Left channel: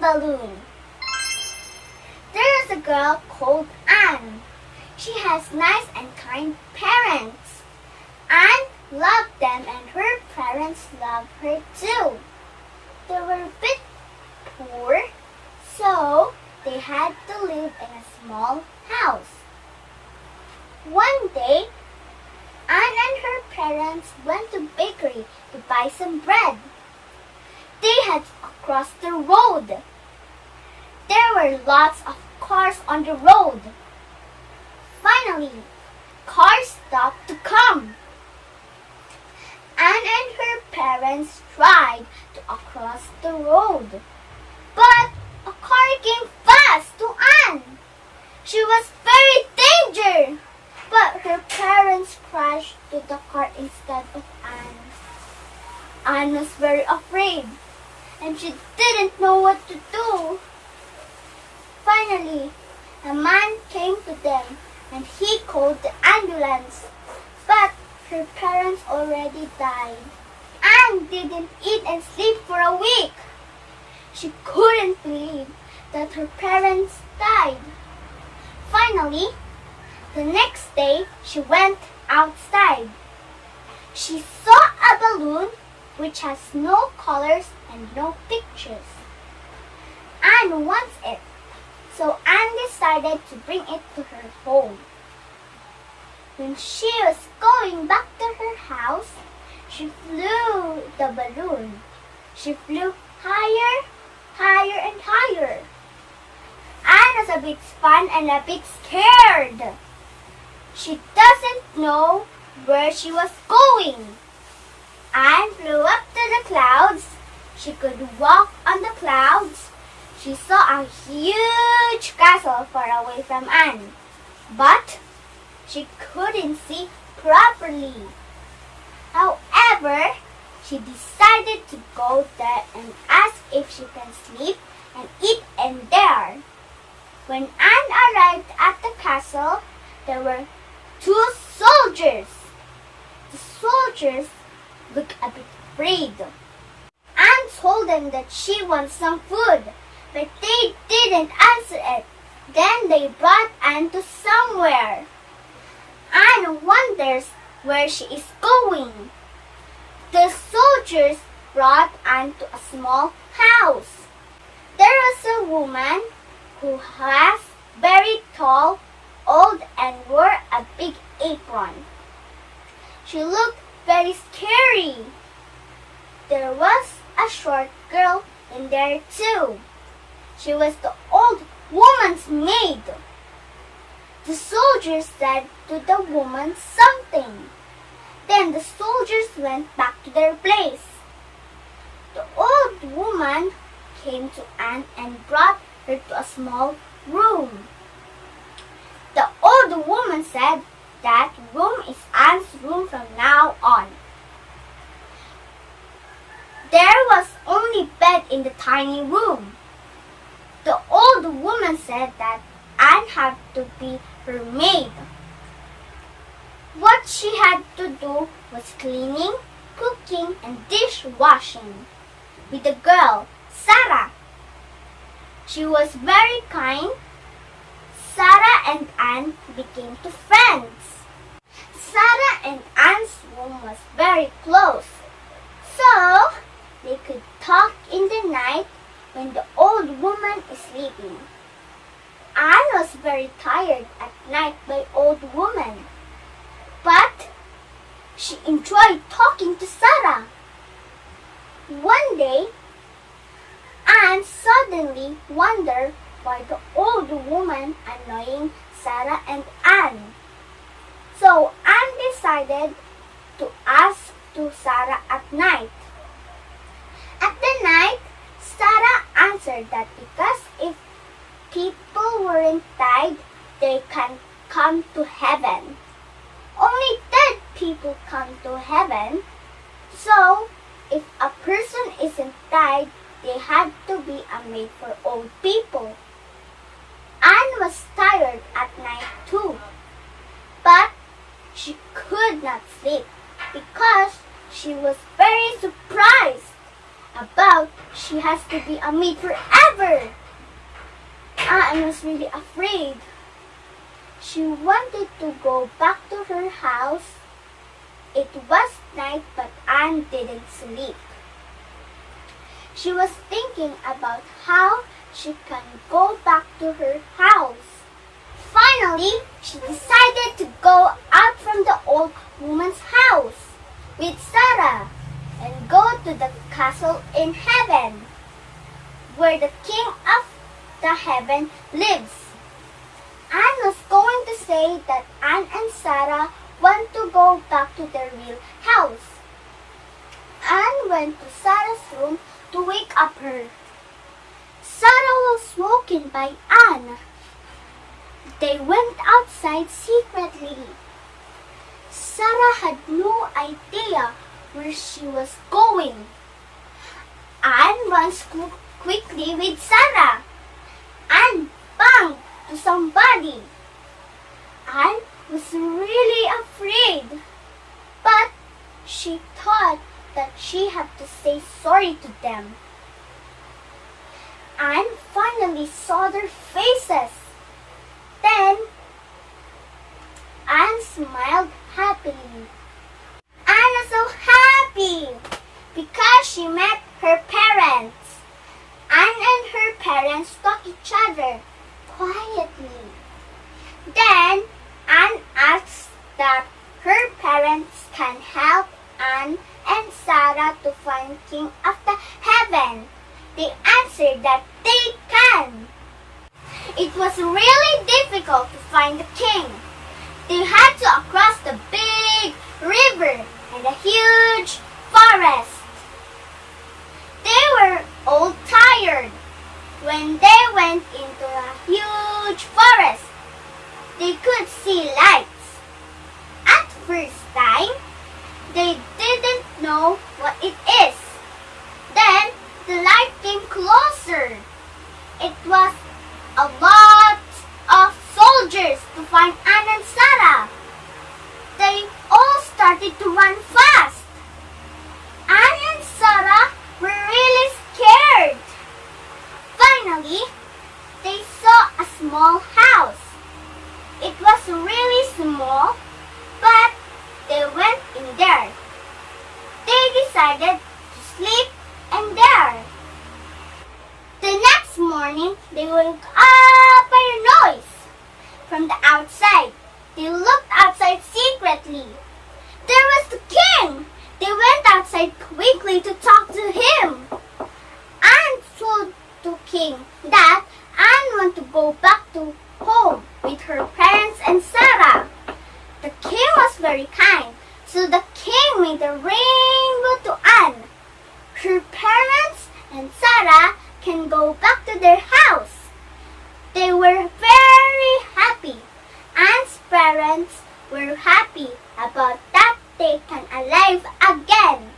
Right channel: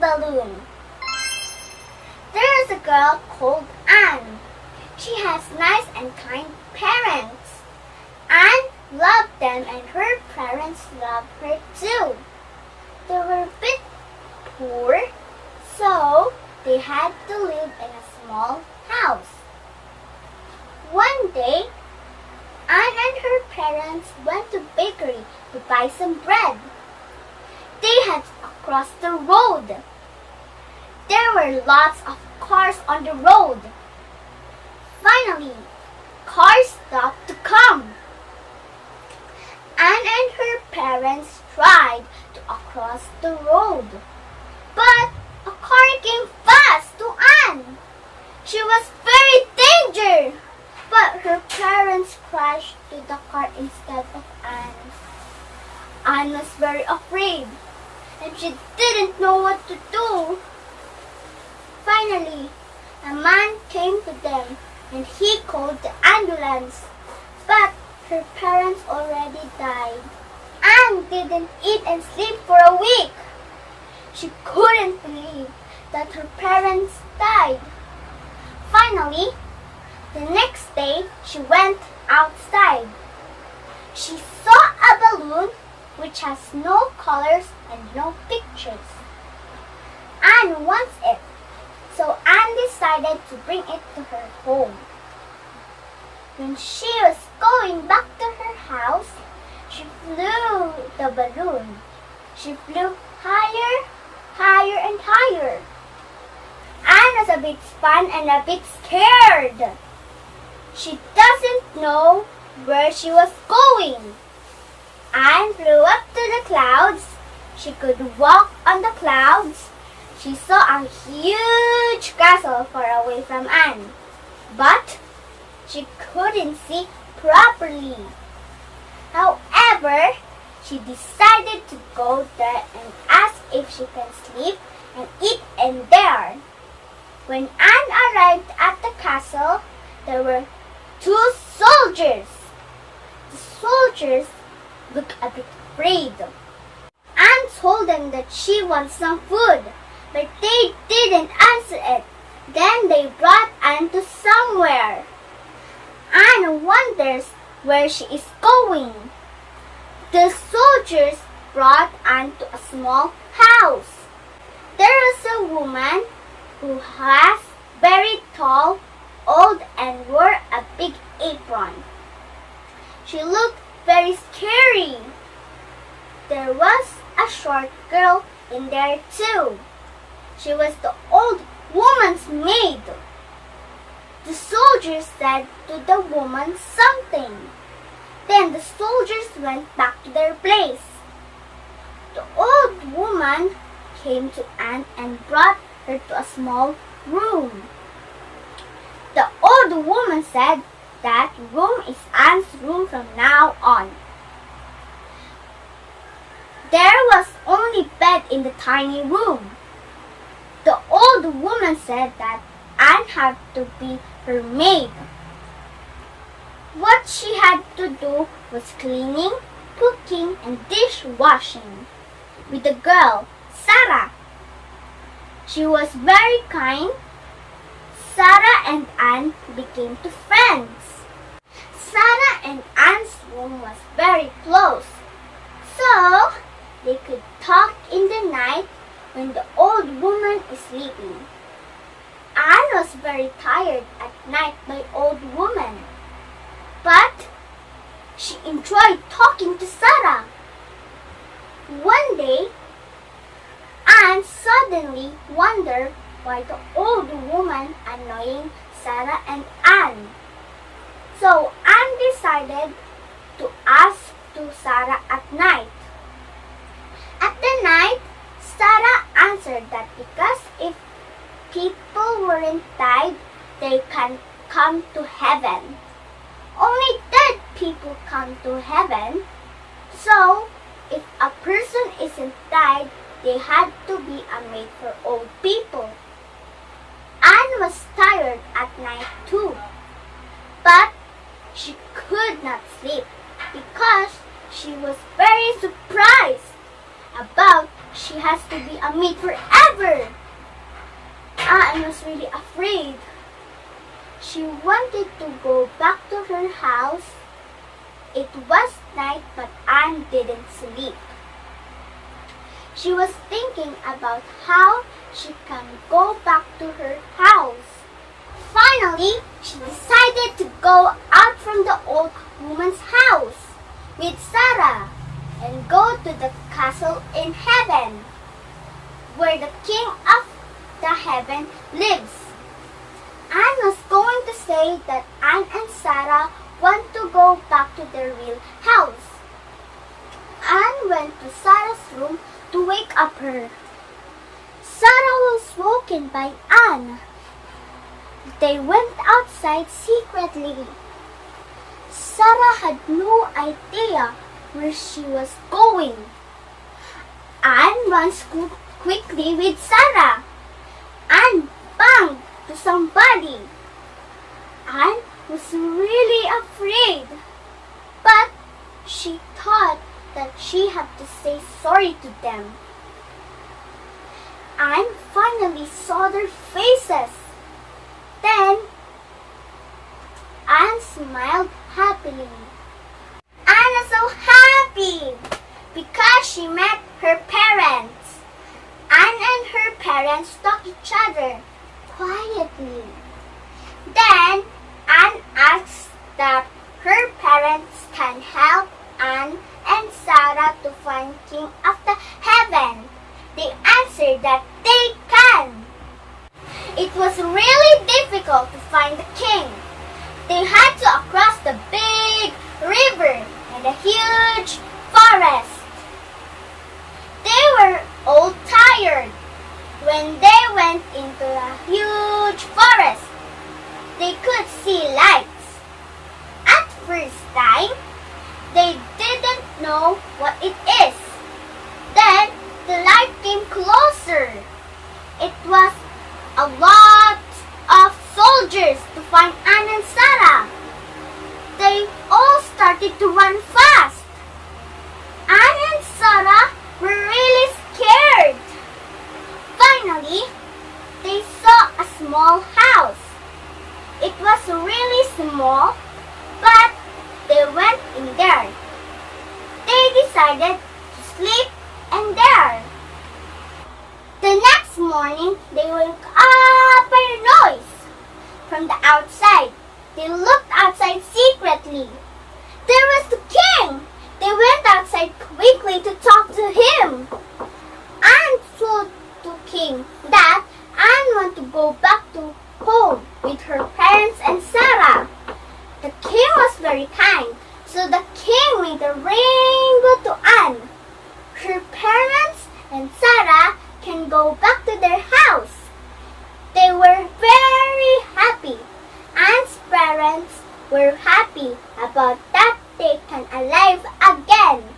balloon. There is a girl called Anne. She has nice and kind parents. Anne loved them and her parents loved her too. They were a bit poor, so they had to live in a small house. One day, Anne and her parents went to bakery to buy some bread. They had crossed the road. There were lots of cars on the road. Finally, cars stopped to come. Anne and her parents tried to cross the road, but a car came fast to Anne. She was very danger, but her parents crashed to the car instead of Anne. Anne was very afraid, and she didn't know what to do. Finally, a man came to them and he called the ambulance, but her parents already died. Anne didn't eat and sleep for a week. She couldn't believe that her parents died. Finally, the next day she went outside. She saw a balloon which has no colors and no pictures. Anne wants it, so Anne decided to bring it to her home. When she was going back to her house, she flew the balloon. She flew higher, higher and higher. Anne was a bit fun and a bit scared. She doesn't know where she was going. Anne flew up to the clouds. She could walk on the clouds. She saw a huge castle far away from Anne, but she couldn't see properly. However, she decided to go there and ask if she can sleep and eat in there. When Anne arrived at the castle, there were 2 soldiers. The soldiers looked a bit afraid. Anne told them that she wants some food, but they didn't answer it. Then they brought Anne to somewhere. Anne wonders where she is going. The soldiers brought Anne to a small house. There is a woman who was very tall, old, and wore a big apron. She looked very scary. There was a short girl in there too. She was the old woman's maid. The soldiers said to the woman something. Then the soldiers went back to their place. The old woman came to Anne and brought her to a small room. The old woman said that room is Anne's room from now on. There was only bed in the tiny room. The old woman said that Anne had to be her maid. What she had to do was cleaning, cooking, and dishwashing with the girl, Sarah. She was very kind. Sarah and Anne became friends. Sarah and Anne's room was very close, so they could talk in the night when the old woman is sleeping. Anne was very tired at night by old woman, but she enjoyed talking to Sarah. One day, Anne suddenly wondered why the old woman annoying Sarah and Anne. So Anne decided to ask to Sarah at night. At the night, Sarah answered that because if people weren't died, they can come to heaven. Only dead people come to heaven. So, if a person isn't died, they had to be a maid for old people. Anne was tired at night too, but she could not sleep because she was very surprised. about she has to be a maid forever. Anne was really afraid. She wanted to go back to her house. It was night, but Anne didn't sleep. She was thinking about how she can go back to her house. Finally, she decided to go out from the old woman's house with Sarah and go to the castle in heaven, where the king of the heaven lives. Anne was going to say that Anne and Sarah want to go back to their real house. Anne went to Sarah's room to wake up her. Sarah was woken by Anne. They went outside secretly. Sarah had no idea where she was going. Anne runs quickly with Sarah. Anne banged to somebody. Anne was really afraid, but she thought that she had to say sorry to them. Anne finally saw their faces. Then Anne smiled happily. Anne was so happy because she met her parents. Anne and her parents talked each other quietly. Then Anne asked that her parents can help Anne and Sarah to find King of the Heaven. They answered that they can. It was really difficult to find the king. They had to cross the big river and a huge forest. They were all tired. When they went into a huge forest, they could see lights. At first time, they didn't know what it is. Then the light came closer. It was a lot of soldiers to find Anne and Sarah. They all started to run fast. Anne and Sarah were really scared. Finally, they saw a small house. It was really small, but they went in there. They decided to sleep in there. The next morning, they woke up by a noise from the outside. They looked outside secretly. There was the king. They went outside quickly to talk to him. Anne told the king that Anne wanted to go back to home with her parents and Sarah. The king was very kind, so the king made a rainbow to Anne. Her parents and Sarah can go back to their house. They were very happy. Anne's parents were happy about that they can alive again.